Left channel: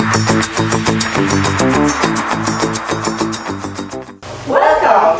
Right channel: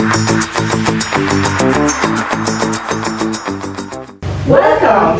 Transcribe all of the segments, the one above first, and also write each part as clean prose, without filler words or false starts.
Welcome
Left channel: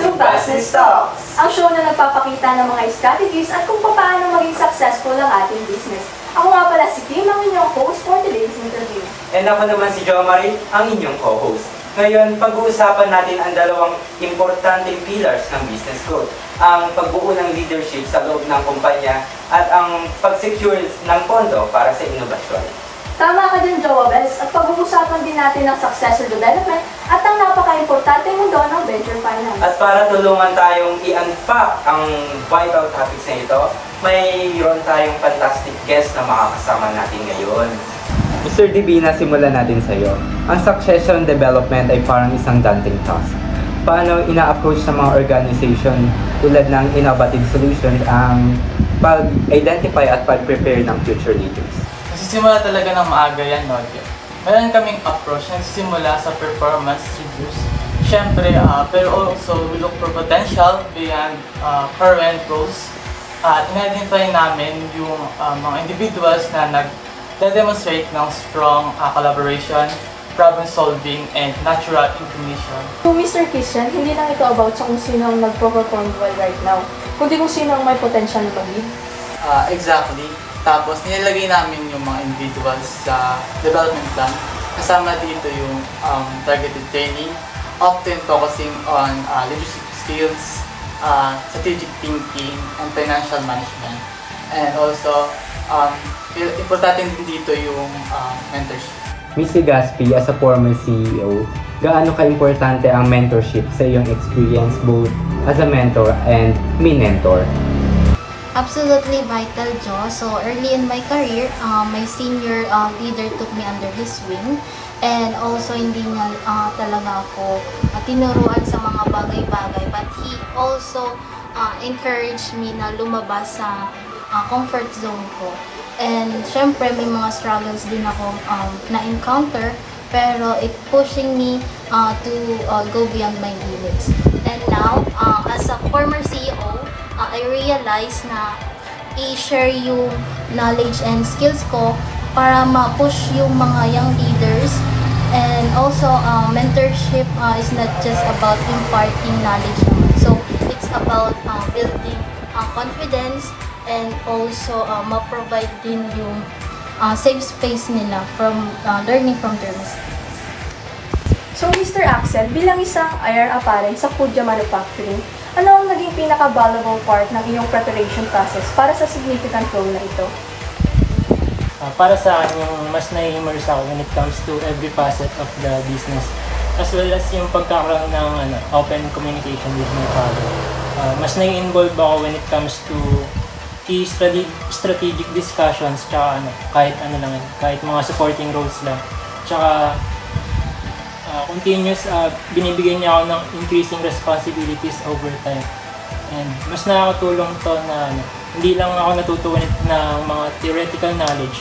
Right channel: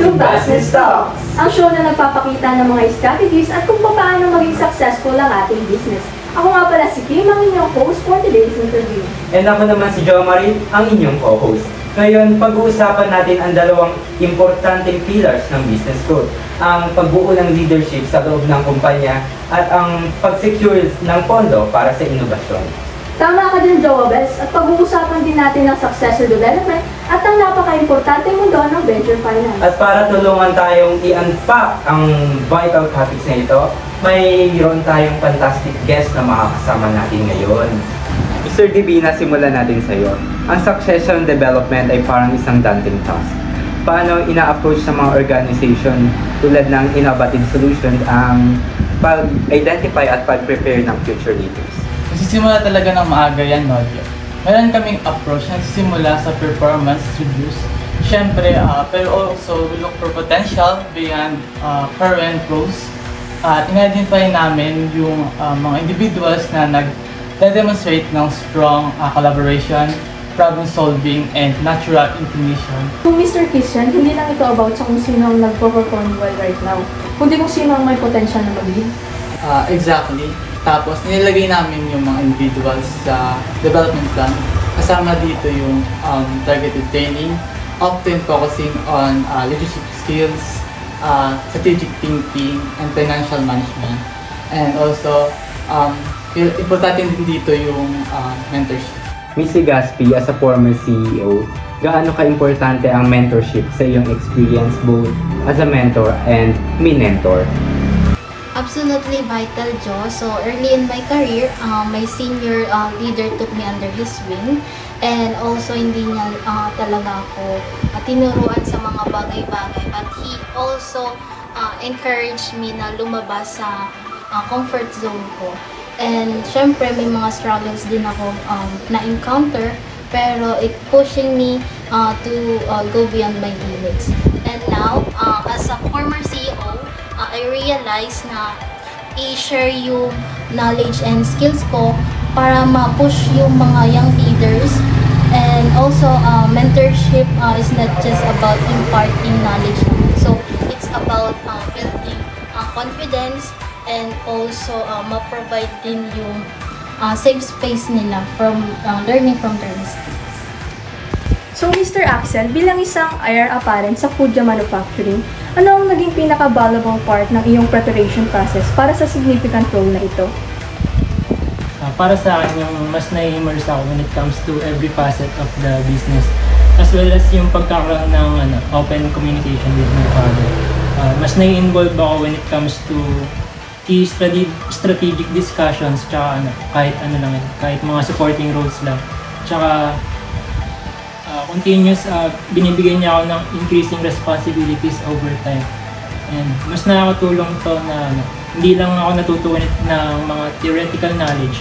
to Business Talks! Ang show na nagpapakita ng mga strategies at kung paano maging successful ang ating business. Ako nga pala si Kim, ang inyong host for today's interview. And ako naman si Jo Marie, ang inyong co-host. Ngayon, pag-uusapan natin ang dalawang importanteng pillars ng business growth. Ang pagbuo ng leadership sa loob ng kumpanya at ang pag-secure ng pondo para sa inobasyon. Tama ka din, Joabels, at pag-uusapan din natin ng successful development at ang napaka-importante mundo ng venture finance. At para tulungan tayong i-unpack ang vital topics na ito, mayroon tayong fantastic guest na makakasama natin ngayon. Mr. Divina, simulan natin sa iyo. Ang succession development ay parang isang daunting task. Paano ina-approach sa mga organization tulad ng innovative solutions ang pag-identify at pag-prepare ng future leaders? Nagsisimula talaga ng maaga yan, no? Meron kaming approach na nagsisimula sa performance reviews. Siyempre, pero also we look for potential beyond current roles. In-identify namin yung mga individuals na nag-demonstrate ng strong collaboration, problem solving, and natural inclination. Kung Mr. Christian, hindi lang ito about sa kung sino ang nagpo-perform well right now, kundi kung sino ang may potential na mag-lead. Exactly. Tapos nilagay namin yung mga individuals sa development plan. Kasama dito yung targeted training, often focusing on leadership skills, strategic thinking, and financial management. And also, importante din dito yung mentorship. Ms. Gaspi, as a former CEO, gaano ka-importante ang mentorship sa iyong experience both as a mentor and mentor? Absolutely vital, Jo. So early in my career, my senior leader took me under his wing, and also hindi niya talaga ako tinuruan sa mga bagay-bagay, but he also encouraged me na lumabas sa comfort zone ko. And syempre may mga struggles din ako na-encounter, pero it pushing me to go beyond my limits. And now, as a former CEO, I realize na i-share yung knowledge and skills ko para ma-push yung mga young leaders. And also, mentorship is not just about imparting knowledge naman. So, it's about building confidence and also ma-provide din yung safe space nila from learning from their mistakes. So, Mr. Axel, bilang isang heir apparent sa Kuja Manufacturing, ano ang naging pinaka-valuable part ng iyong preparation process para sa significant role na ito? Para sa akin, yung mas nai-immerse ako when it comes to every facet of the business, as well as yung pagkakaroon ng open communication with my father. Mas nai-involve ako when it comes to key strategic discussions, tsaka kahit mga supporting roles lang. Tsaka continuous binibigyan niya ako ng increasing responsibilities over time. And mas nakakatulong to na hindi lang ako natutunan ng mga theoretical knowledge,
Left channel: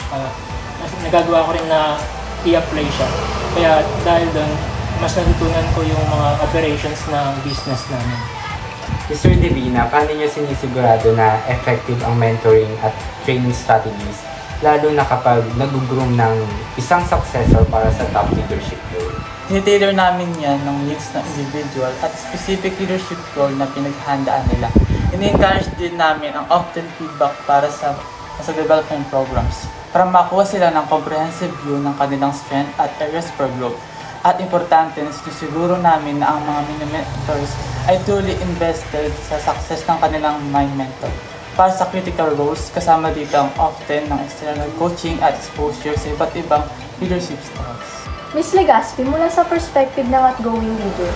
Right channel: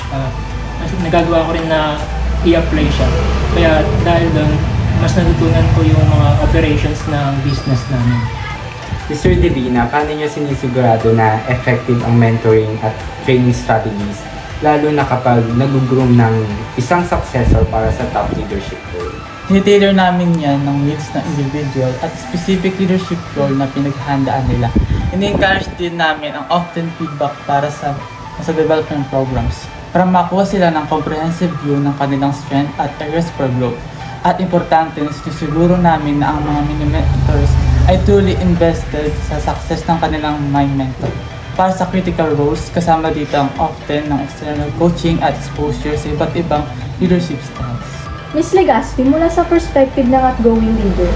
mas nagagawa ko rin na i-apply siya. Kaya dahil doon, mas natutunan ko yung mga operations ng business namin. Mr. Divina, paano niyo sinisigurado na effective ang mentoring at training strategies, lalo na kapag nag-groom ng isang successor para sa top leadership role? Tinitailor namin yan ng needs ng individual at specific leadership role na pinaghandaan nila. Ini-encourage din namin ang often feedback para sa development programs para makuha sila ng comprehensive view ng kanilang strength at areas for growth. At importante na siguro namin na ang mga mini-mentors ay truly invested sa success ng kanilang mind mentor. Para sa critical roles, kasama dito ang often ng external coaching at exposure sa iba't ibang leadership styles. Ms. Legaspi, mula sa perspective ng outgoing leader,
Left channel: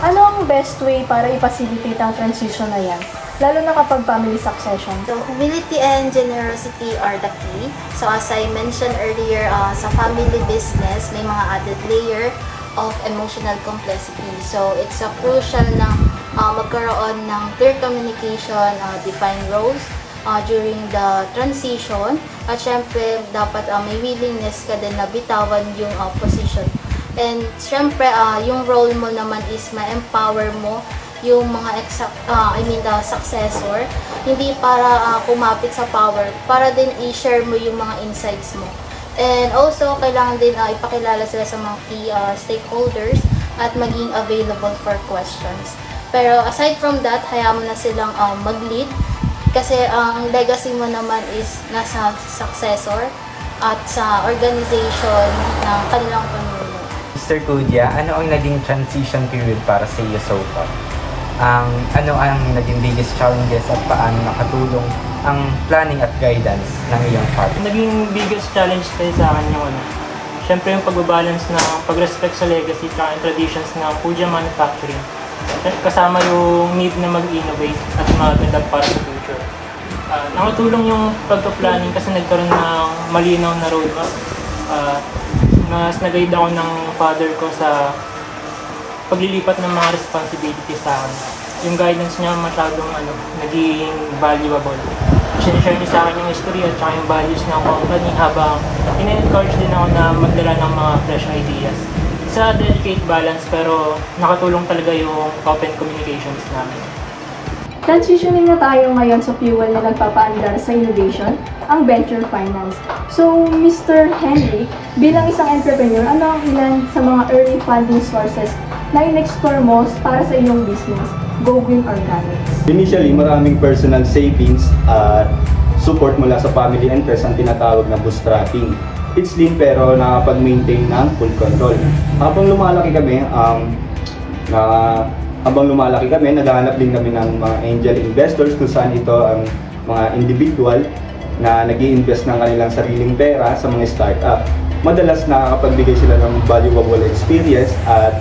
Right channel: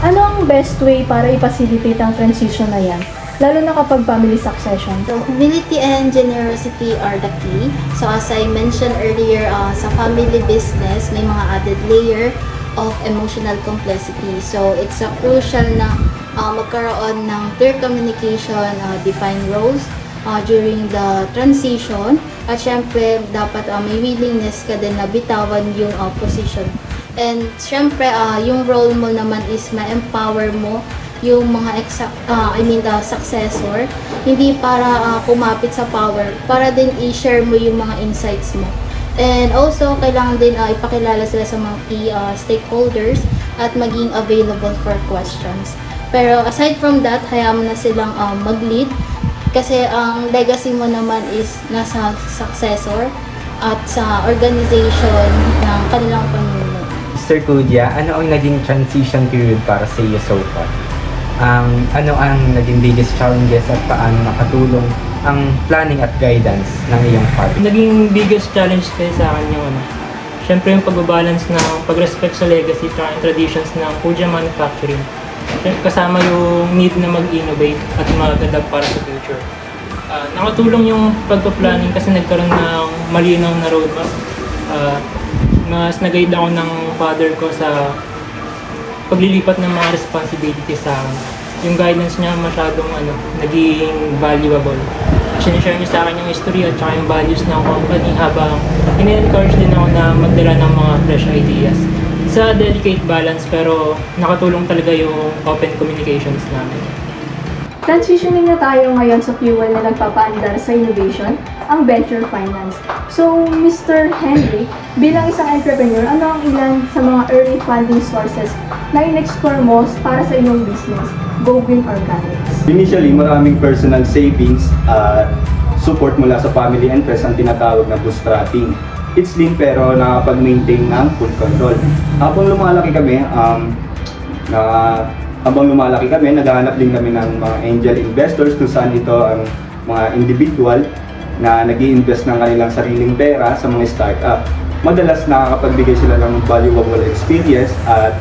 ano ang best way para i-facilitate ang transition na yan, lalo na kapag family succession? So, humility and generosity are the key. So, as I mentioned earlier, sa family business, may mga added layer of emotional complexity. So, it's a crucial na magkaroon ng clear communication, defined roles during the transition. At syempre, dapat may willingness ka din na bitawan yung position. And syempre, yung role mo naman is ma-empower mo yung mga successor. Hindi para kumapit sa power, para din i-share mo yung mga insights mo. And also, kailangan din ipakilala sila sa mga key stakeholders at maging available for questions. Pero aside from that, hayaan mo na silang mag-lead kasi ang legacy mo naman is nasa successor at sa organization ng kanilang panuno. Mr. Kudia, ano ang naging transition period para sa iyo so far? Ano ang naging biggest challenges at paano nakatulong ang planning at guidance ng iyong father? Naging biggest challenge kasi sa akin yung syempre yung pagbabalance ng pag-respect sa legacy at traditions ng Kudia Manufacturing. Kasama yung need na mag-innovate at mag-adapt para sa future. Nakatulong yung pagpa-planning kasi nagkaroon ng malinaw na roadmap. Mas nag-guide ako ng father ko sa paglilipat ng mga responsibilities sa akin. Yung guidance niya masyadong naging valuable. Sinishare niya sa akin yung history at saka yung values ng company habang in-encourage din ako na magdala ng mga fresh ideas. Sa delicate balance pero nakatulong talaga yung open communications namin. Transitioning na tayo ngayon sa fuel na nagpapaandar sa innovation, ang venture finance. So, Mr. Henry, bilang isang entrepreneur, ano ang ilan sa mga early funding sources na in-explore mo para sa iyong business, Go Green Organics? Initially, maraming personal savings at support mula sa family and friends ang tinatawag na bootstrapping. It's lean pero nakapag-maintain ng full control. Habang lumalaki kami, naghahanap din kami ng mga angel investors kung saan ito ang mga individual na nag-i-invest ng kanilang sariling pera sa mga startup. Madalas nakakapagbigay sila ng valuable experience at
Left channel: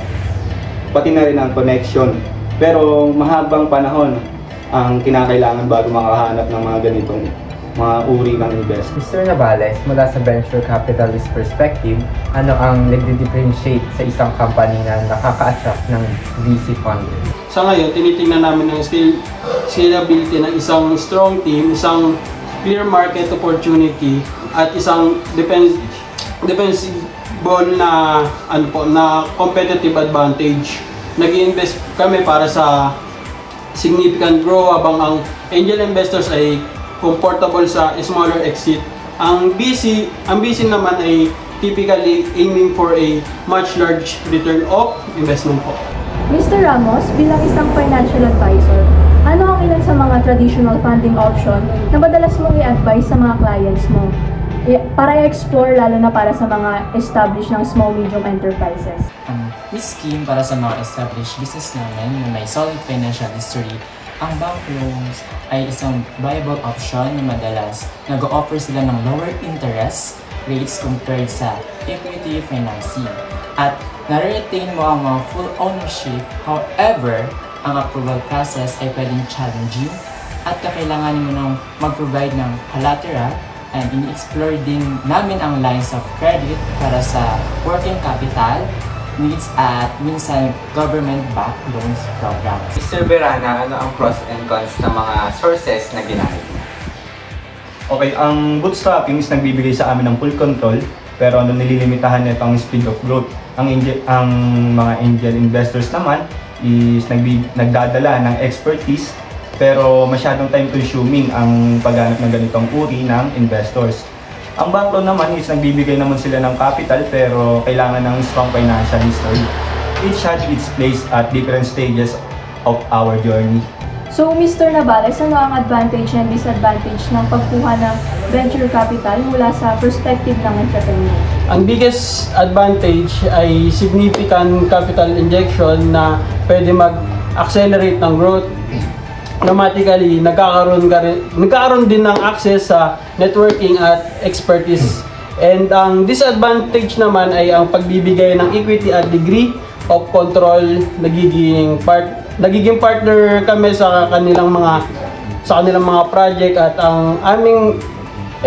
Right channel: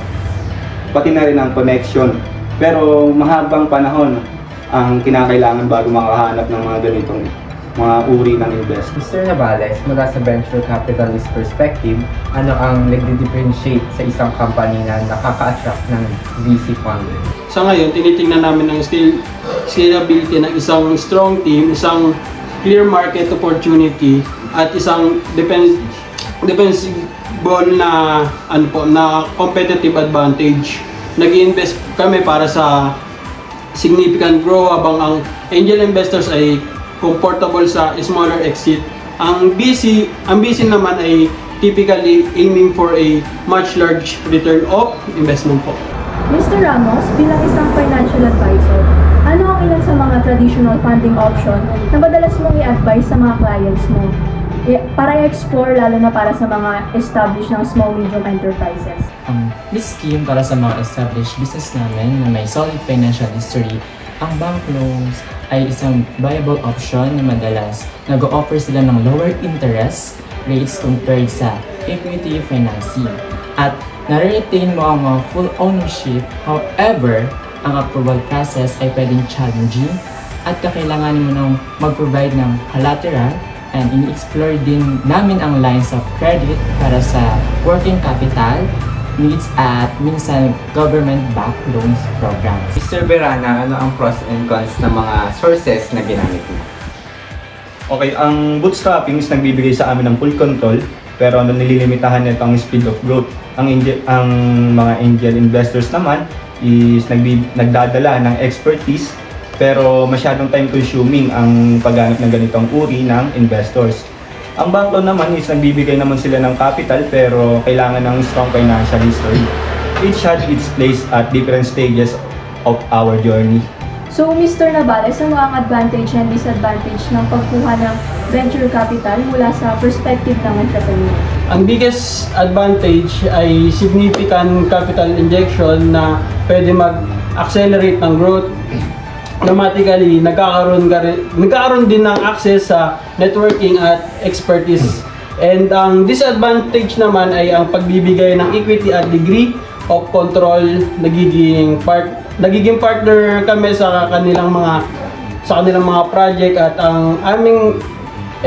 pati na rin ang connection. Pero mahabang panahon ang kinakailangan bago makahanap ng mga ganitong mga uri ng investment. Mr. Navales, mula sa venture capitalist perspective, ano ang nagdi-differentiate sa isang company na nakaka-attract ng VC funding? Sa ngayon, tinitingnan namin ang scalability ng isang strong team, isang clear market opportunity, at isang defensible na na competitive advantage. Nag-i-invest kami para sa significant growth habang ang angel investors ay comfortable sa smaller exit. Ang BC naman ay typically aiming for a much large return of investment po. Mr. Ramos, bilang isang financial advisor, ano ang ilan sa mga traditional funding option na madalas mong i-advise sa mga clients mo para i-explore lalo na para sa mga established ng small-medium enterprises? This scheme para sa mga established business namin na may solid financial history, ang bank loans ay isang viable option na madalas nag-o-offer sila ng lower interest rates compared sa equity financing. At na-retain mo ang mga full ownership, however, ang approval process ay pwedeng challenging at kakailangan mo nang mag-provide ng collateral, and ini-explore din namin ang lines of credit para sa working capital needs at minsan government-backed loans programs. Mr. Verana, ano ang pros and cons ng mga sources na ginamit mo? Okay, ang bootstrapping is nagbibigay sa amin ng full control pero nililimitahan nito ang speed of growth. Ang mga angel investors naman is nagdadala ng expertise pero masyadong time consuming ang pagganap ng ganitong uri ng investors. Ang bank loan naman is nagbibigay naman sila ng capital pero kailangan ng strong financial history. Each had its place at different stages of our journey. So, Mr. Navales, ano ang advantage and disadvantage ng pagkuha ng venture capital mula sa perspective ng entrepreneur? Ang biggest advantage ay significant capital injection na pwede mag-accelerate ng growth. Automatically, nagkakaroon din ng access sa networking at expertise. And ang disadvantage naman ay ang pagbibigay ng equity at degree of control. Nagiging partner kami sa kanilang mga project at ang aming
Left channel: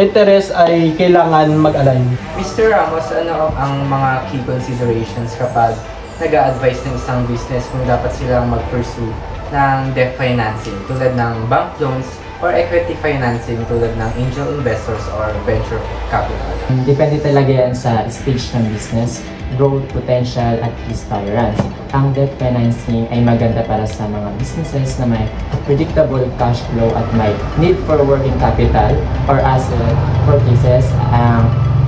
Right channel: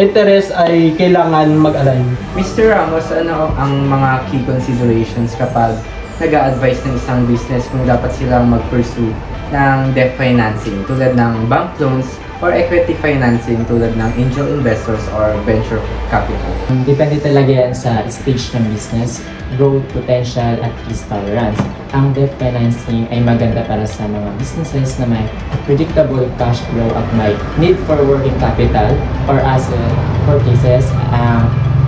interest ay kailangan mag-align. Mr. Ramos, ano ang mga key considerations kapag nag-a-advise ng isang business kung dapat silang mag-pursue ng debt financing tulad ng bank loans or equity financing tulad ng angel investors or venture capital? Depende talaga yan sa stage ng business, growth potential at risk tolerance. Ang debt financing ay maganda para sa mga businesses na may predictable cash flow at may need for working capital or asset purchases.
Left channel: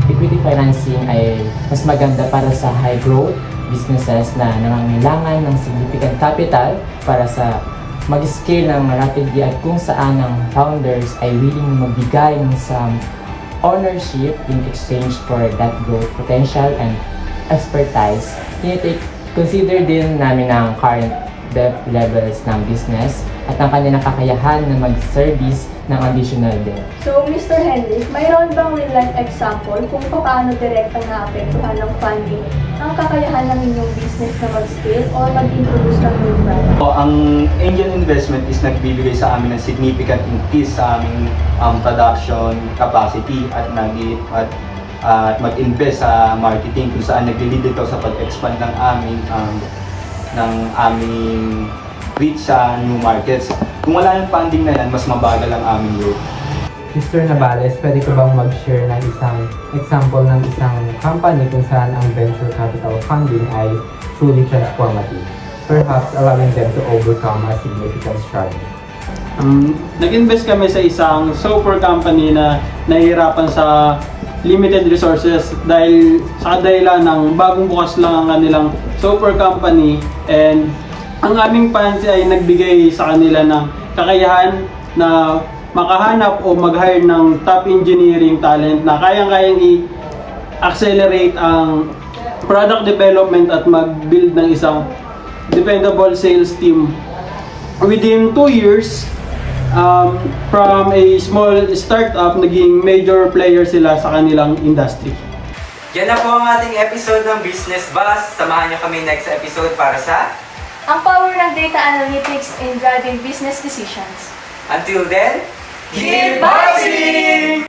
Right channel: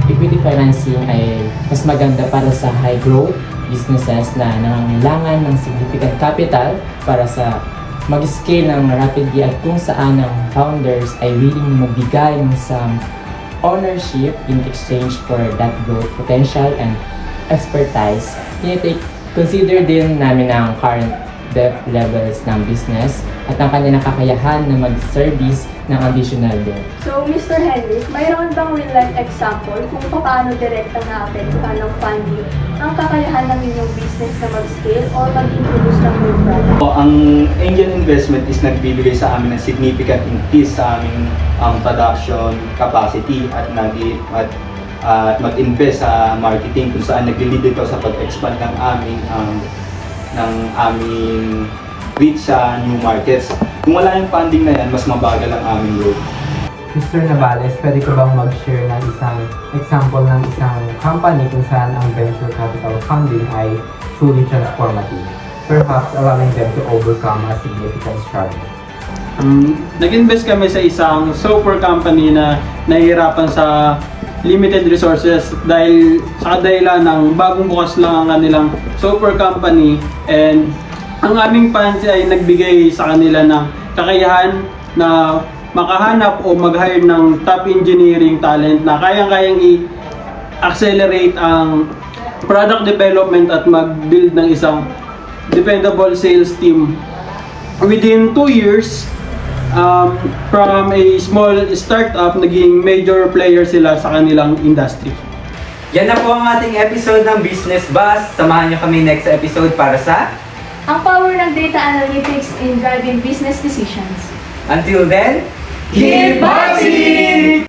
equity financing ay mas maganda para sa high growth businesses na nangangailangan ng significant capital para sa mag-scale ng rapidly at kung saan ang founders ay willing na magbigay ng some ownership in exchange for that growth potential and expertise. Consider din namin ang current debt levels ng business at ang kanilang kakayahan na mag-service ng additional debt. So, Mr. Henry, mayroon bang real-life example kung paano direktang naapektuhan ng funding ang kakayahan ng inyong business na mag-scale or mag-introduce ng new product? Ang angel investment is nagbibigay sa amin ng significant increase sa aming production capacity at mag-invest sa marketing kung saan nag-lead ito sa pag-expand ng aming reach sa new markets. Kung wala yung funding na yan, mas mabagal ang aming growth. Mr. Navales, pwede ko bang mag-share ng isang example ng isang company kung saan ang venture capital funding ay truly transformative, perhaps allowing them to overcome a significant struggle? Nag-invest kami sa isang software company na nahihirapan sa limited resources dahil sa kadahilan ng bagong bukas lang ang kanilang software company, and ang aming funds ay nagbigay sa kanila ng kakayahan na makahanap o mag-hire ng top engineering talent na kayang-kayang i-accelerate ang product development at mag-build ng isang dependable sales team. Within 2 years, from a small startup, naging major player sila sa kanilang industry. Yan na po ang ating episode ng Business Buzz. Samahan niyo kami next episode para sa Ang power ng data analytics in driving business decisions. Until then, Keep buzzing!